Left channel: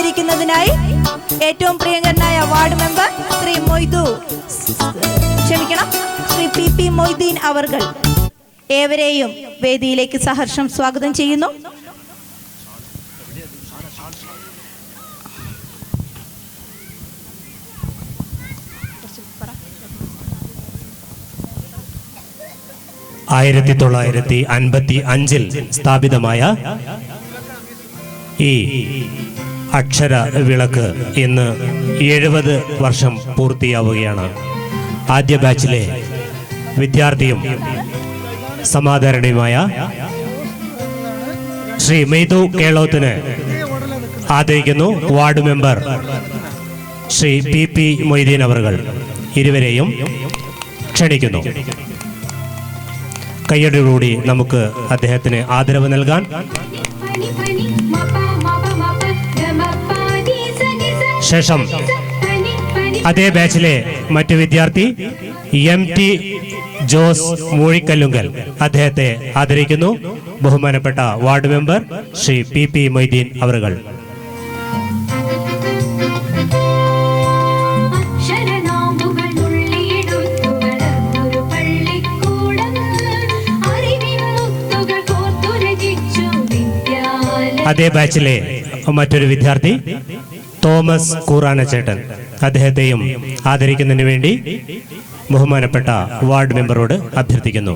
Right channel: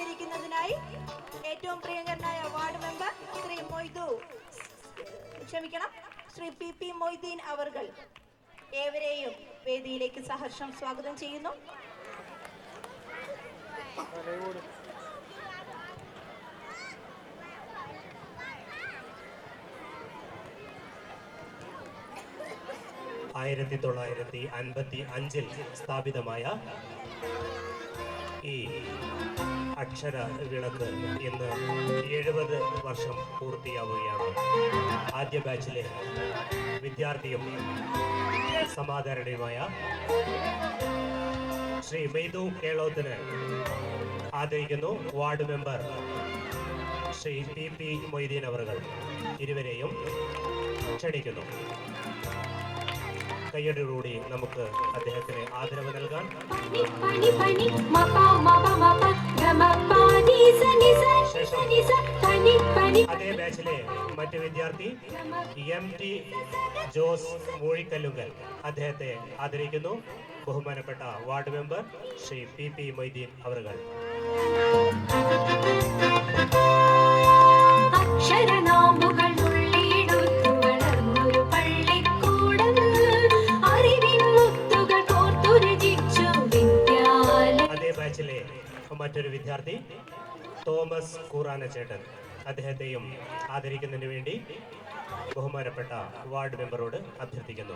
ആദരിക്കുന്നതിനായി ഏറ്റവും പ്രിയങ്കരനായ ward member Shri Shri P Moideen അവർകൾ ഏവരെയും വേദിയിലേക്ക് സഹർഷം സ്വാഗതം ചെയ്യുന്നു. ആയിരത്തി 1955 സ്ഥാപിതമായ ഈ അക്ഷര വിളക്ക് ഇന്ന് 70 വർഷം പൂർത്തിയാവുകയാണ്. ആദ്യ ബാച്ചിലെ വിദ്യാർത്ഥിയും സമാദരണീയമായ ശ്രീ മെയ്തു കേളോത്തിന് ആദരിക്കുന്നു. Ward member Shri P Moideen അവർകൾ ഇരുവരെയും ക്ഷണിക്കുന്നു. കയ്യടിയോടുകൂടി നമുക്ക് അദ്ദേഹത്തിന് ആദരവ് നൽകാൻ. ശേഷം അതേ ബാച്ചിലെ മറ്റു വിദ്യാർത്ഥി MT ജോസ് മൂഴിക്കല്ലുങ്കൽ അദ്ദേഹത്തെ ആദരിക്കുന്നു. ബഹുമാനപ്പെട്ട ward member Shri P Moideen അവർകൾ. അതേ ബാച്ചിലെ മറ്റൊരു വിദ്യാർത്ഥി തോമസ് കൂറാനച്ചേട്ടൻ അദ്ദേഹത്തെയും ആദരിക്കുന്നതിന് വേണ്ടി ബഹുമാനപ്പെട്ട വാർഡ് മെമ്പറോട് അഭ്യർത്ഥിക്കുന്നു.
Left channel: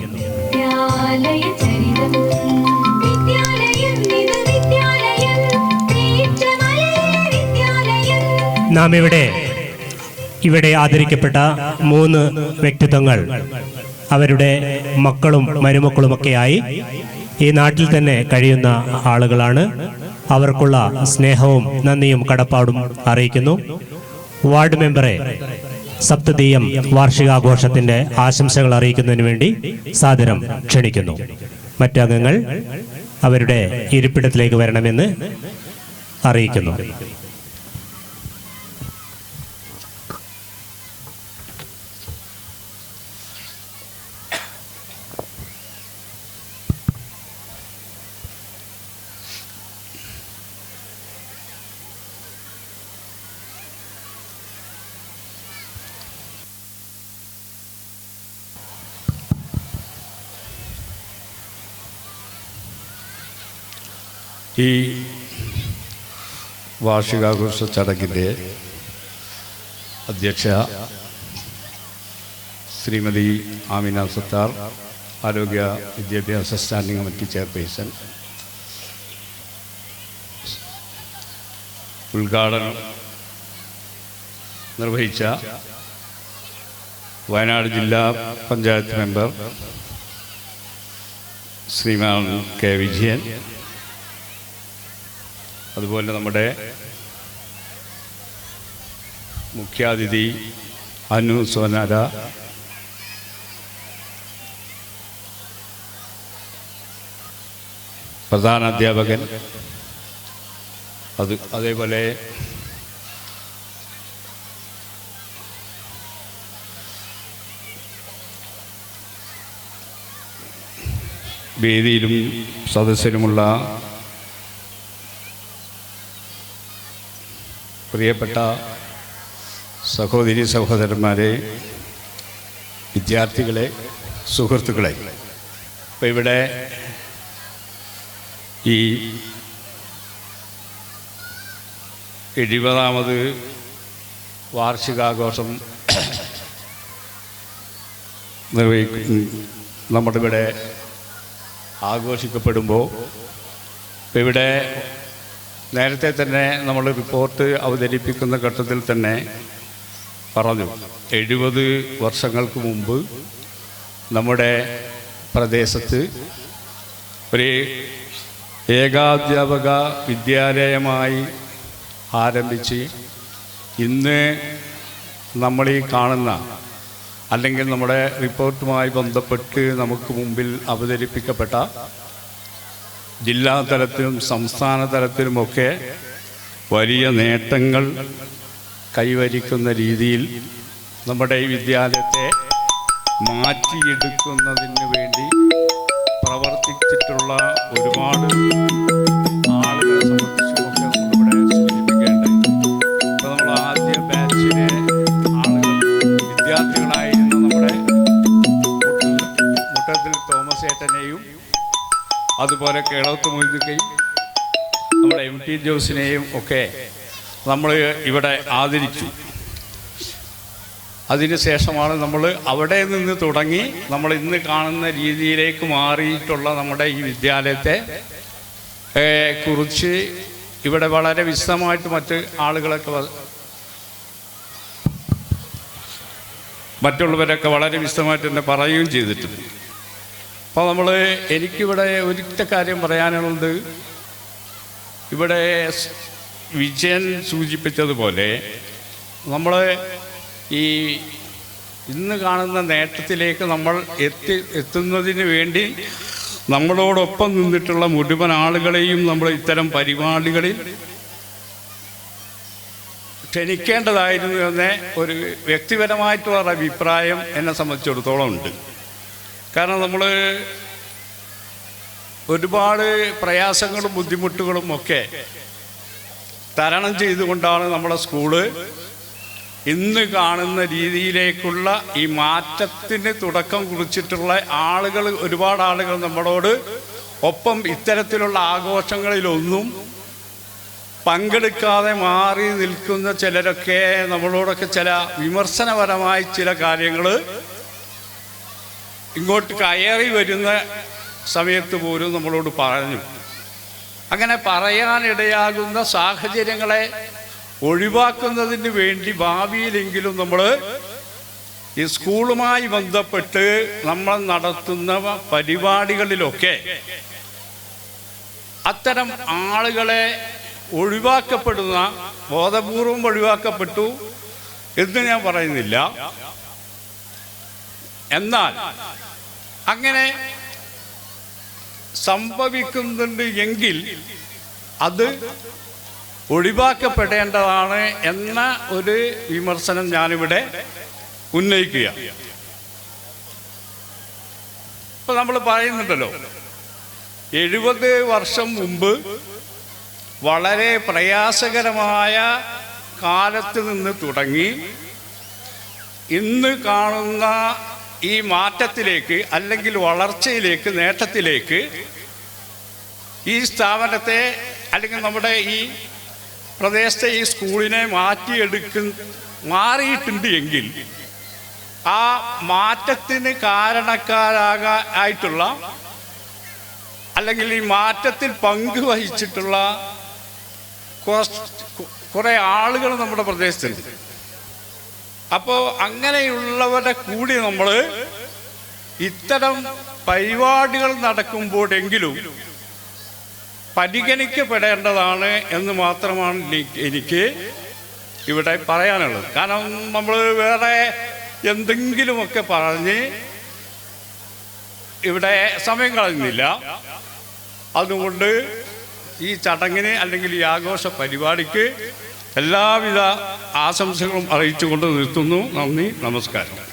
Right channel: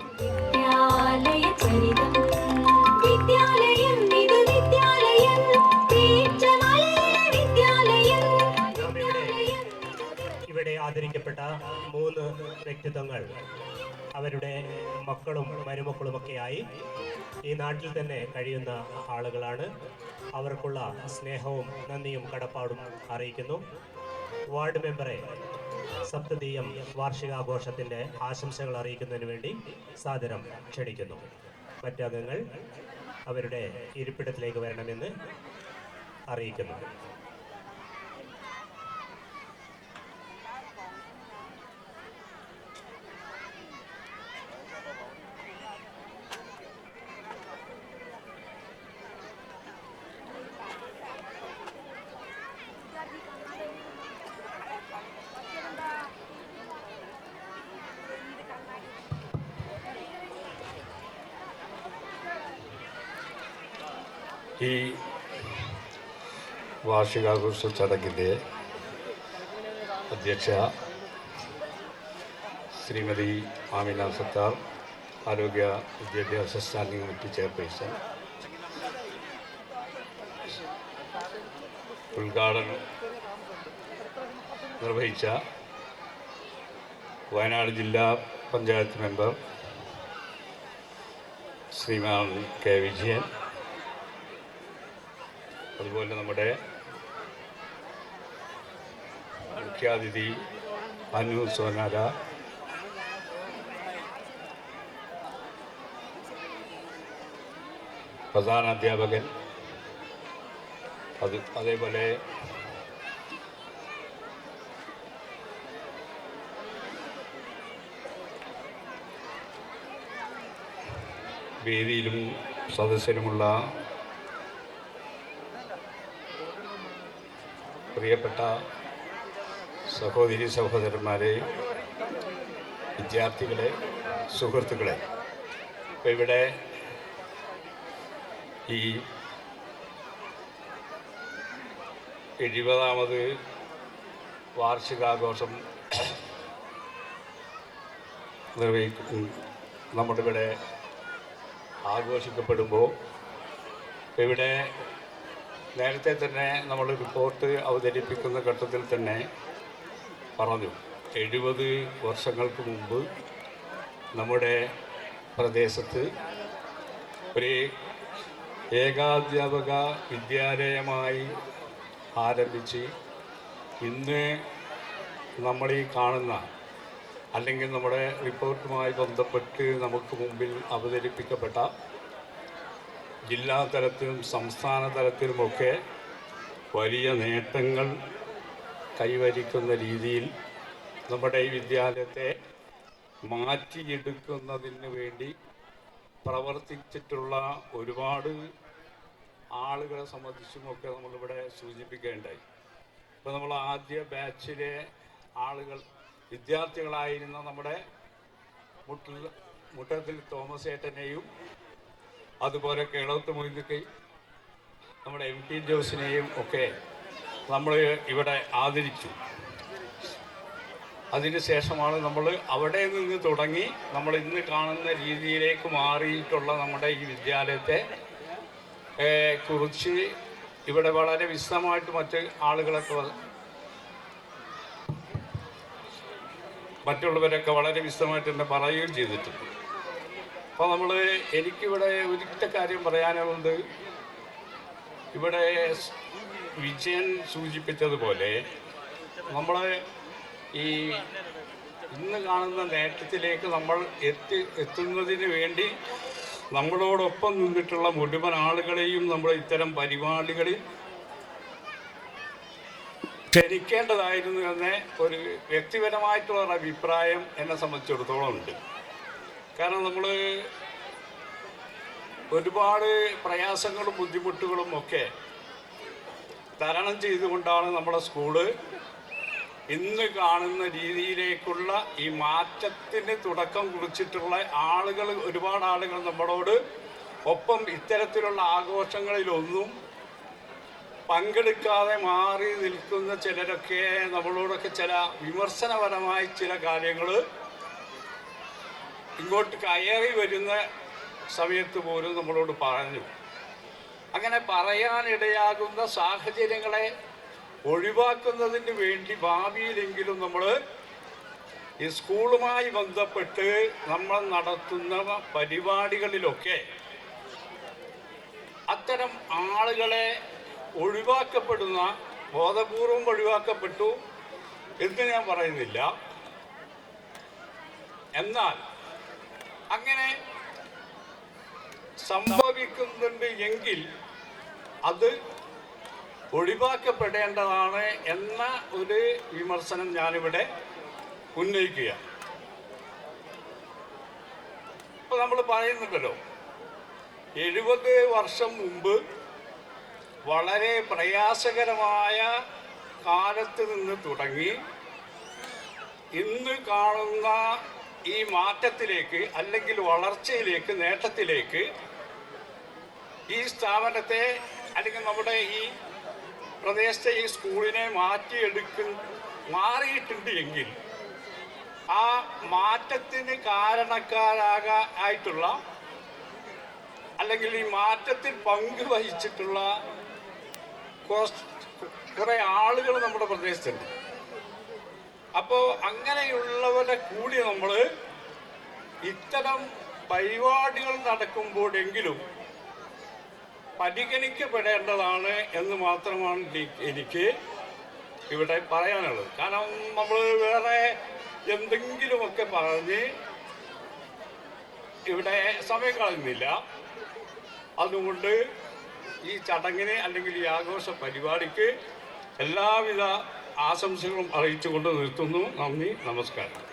നാം ഇവിടെ ആദരിക്കപ്പെട്ട 3 വ്യക്തിത്വങ്ങൾ അവരുടെ മക്കളും മരുമക്കളുമൊക്കെയായി ഈ നാട്ടിൽ തന്നെ കഴിയുന്ന ആളുകളാണ്. അവർക്കുള്ള സ്നേഹവും നന്ദിയും കടപ്പാടും അറിയിക്കുന്നു. വാർഡ് മെമ്പറെ സപ്തതീയം വാർഷികാഘോഷത്തിന്റെ ആശംസകൾ അറിയിക്കുന്നതിന് വേണ്ടി സാദരം ക്ഷണിക്കുന്നു. മറ്റംഗങ്ങൾ അവരുടെ ഇരിപ്പിടത്തിലേക്ക് വരണമെന്ന് അറിയിക്കുന്നു. ഈ വാർഷികാഘോഷ ചടങ്ങിൻ്റെ അധ്യക്ഷ ശ്രീമതി ആമിന സത്താർ, ആരോഗ്യ വിദ്യാഭ്യാസ സ്റ്റാൻഡിംഗ് കമ്മിറ്റി ചെയർപേഴ്സൺ, ഉദ്ഘാടനം നിർവഹിച്ച വയനാട് ജില്ലാ പഞ്ചായത്ത് മെമ്പർ ശ്രീമാൻ K. വിജയൻ, അതുപോലെ നമ്മുടെ മുഖ്യാതിഥി അനു സോനാര, പ്രധാന അധ്യാപകൻ, അതേപോലെ വേദിയിലും സദസ്സിലുമുള്ള പ്രിയപ്പെട്ട സഹോദരി സഹോദരന്മാരെ, വിദ്യാർത്ഥികളെ, സുഹൃത്തുക്കളെ, ഇപ്പോൾ ഇവിടെ ഈ 70ാമത് വാർഷികാഘോഷം നമ്മുടെ ഇവിടെ ആഘോഷിക്കപ്പെടുമ്പോൾ ഇവിടെ നേരത്തെ തന്നെ നമ്മൾ റിപ്പോർട്ട് അവതരിപ്പിക്കുന്ന ഘട്ടത്തിൽ തന്നെ പറഞ്ഞു, 70 വർഷങ്ങൾക്ക് മുമ്പ് നമ്മുടെ പ്രദേശത്ത് ഒരു ഏകാധ്യാപക വിദ്യാലയമായി ആരംഭിച്ച് ഇന്ന് നമ്മളീ കാണുന്ന അല്ലെങ്കിൽ നമ്മുടെ റിപ്പോർട്ടുമായി ബന്ധപ്പെട്ട് നമുക്ക് മുമ്പിൽ അവതരിപ്പിക്കപ്പെട്ട ജില്ലാ തലത്തിലും സംസ്ഥാന തലത്തിലുമൊക്കെ വലിയ നേട്ടങ്ങൾ കൈവരിക്കുന്ന രീതിയിൽ നമ്മുടെ ഈ വിദ്യാലയത്തെ മാറ്റിയെടുക്കുന്നതിന് വേണ്ടി പ്രവർത്തിച്ചിട്ടുള്ള ഒരുപാട് ആളുകളെ സംബന്ധിച്ചുമൊക്കെ നമ്മളിവിടെ സൂചിപ്പിക്കേണ്ട തോമസ് ഏട്ടനെയും അതുപോലെ കേളത്ത് മൊയ്തുക്കയും നമ്മുടെ MT ജോസിനെയും ഒക്കെ നമ്മൾ ഇവിടെ ആദരിച്ചു. അതിനുശേഷമാണ് നമ്മൾ അവിടെ നിന്ന് തുടങ്ങി നമ്മൾ ഇന്ന് കാണുന്ന രീതിയിലേക്ക് മാറിയിട്ടുള്ള നമ്മുടെ ഈ വിദ്യാലയത്തെ കുറിച്ച് ഇവിടെ വളരെ വിശദമായിട്ട് മറ്റുള്ളവരൊക്കെ വളരെ വിശദമായിട്ട് തന്നെ പറയുകയും ചെയ്തിട്ടുണ്ട്. അപ്പോൾ എനിക്കിവിടെ ഒരിക്കൽ കാര്യം പറയാനുള്ളത്, ഇവിടെ വിജയൻ സൂചിപ്പിച്ചതുപോലെ നമ്മൾ ഈ ഇന്ന് കാണുന്ന നേട്ടത്തിലേക്ക് നമ്മൾ എത്തുന്നതിന് വേണ്ടി നമ്മളോടൊപ്പം നിന്നിട്ടുള്ള മുഴുവൻ ആളുകളെയും നമ്മൾ ഇത്തരം പരിപാടികളിൽ ക്ഷണിക്കേണ്ടതായിരുന്നു എന്ന ഒരു വ്യക്തിപരമായിട്ടുള്ള അഭിപ്രായം എന്നെ സംബന്ധിച്ചിടത്തോളം ഉണ്ട്. കാരണം നമ്മൾ ഒരുപാട് പ്രയാസങ്ങളും ബുദ്ധിമുട്ടുകളും ഒക്കെ തരണം ചെയ്തുകൊണ്ടാണ് നമ്മുടെ സ്കൂള് ഇന്ന് കാണുന്ന രീതിയിലേക്കുള്ള ഈ മാറ്റത്തിന് തുടക്കം കുറിച്ചിട്ടുള്ള ആളുകൾ, ഒരുപാട് ആളുകൾ നമ്മളോട് ഒപ്പം ഇത്തരത്തിലുള്ള ആഘോഷങ്ങളിലൊന്നും പങ്കെടുക്കാതെ മാറി നിൽക്കുന്ന ചിലരൊക്കെ നമ്മളോടൊക്കെ ചില വിമർശനപരമായ ചില കാര്യങ്ങൾ ഇങ്ങോട്ട് കയറി വരുന്ന സമയത്ത് പോലും നമ്മളോട് പറഞ്ഞു. അങ്ങനെ പറയാനിടയാകുന്ന സാഹചര്യങ്ങളെ ഒഴിവാക്കുന്നതിന് വേണ്ടി ഭാവിയിലെങ്കിലും നമ്മൾ ഈ സ്കൂളുമായി ബന്ധപ്പെട്ട് നമ്മൾ നടത്തുന്ന പരിപാടികളിലൊക്കെ അത്തരം ആളുകളെ ഒഴിവാക്കപ്പെടുന്ന, ബോധപൂർവം ഒഴിവാക്കപ്പെട്ടു എന്ന് ഞാൻ പറയുന്നില്ല. എന്നാൽ അങ്ങനെ സംഭവിക്കുന്നുണ്ട് എങ്കിൽ അത് ഒഴിവാക്കപ്പെടേണ്ടതാണ് എന്ന ഒരു വിമർശനം ഞാനിവിടെ ഉന്നയിക്കുക. ഇപ്പം നമ്മൾ പറയുന്നുണ്ടല്ലോ, 70 വർഷം മുമ്പ് വളരെ പ്രയാസകരമായ കാലത്ത് നിന്ന് തുടങ്ങി ഇന്ന് കാണുന്ന ഈ മാറ്റത്തിലേക്ക്, അല്ലെങ്കിൽ വളർച്ചയിലേക്ക്, നേട്ടത്തിലേക്ക് ഈ സ്ഥാപനത്തെ അല്ലെങ്കിൽ നമ്മുടെ ഈ പ്രദേശത്തെ ഈ സ്കൂളിനെ മാറിയിട്ടുണ്ട് എങ്കിൽ ആ മാറ്റത്തിന് കാരണക്കാരായിട്ടുള്ള അല്ലെങ്കിൽ ഈ മാറ്റത്തിൽ പങ്കുവഹിച്ചിട്ടുള്ള കുറേ ആളുകൾ നമ്മുടെ പ്രദേശത്തുണ്ട്. അപ്പോൾ അങ്ങനെയുള്ളവരെ കൂടി നമ്മൾ ഇത്തരം പരിപാടികൾ നടക്കുമ്പോഴെങ്കിലും പരിഗണിക്കപ്പെടേണ്ടതാണ് എന്ന് മാത്രമാണ് എനിക്ക് ഇവിടെ പറയാനുള്ളത്. കാരണം നമ്മൾ വേറെ എന്തെങ്കിലുമൊക്കെ പറഞ്ഞ് ഇവിടെ സമയം കളയുന്നില്ല. അതുകൊണ്ട് ഈ ചടങ്ങിന് അല്ലെങ്കിൽ ഈ ആഘോഷ പരിപാടിക്ക് എല്ലാവിധ ആശംസകളും അറിയിച്ചുകൊണ്ട് നിർത്തുന്നു. നന്ദി, നമസ്കാരം.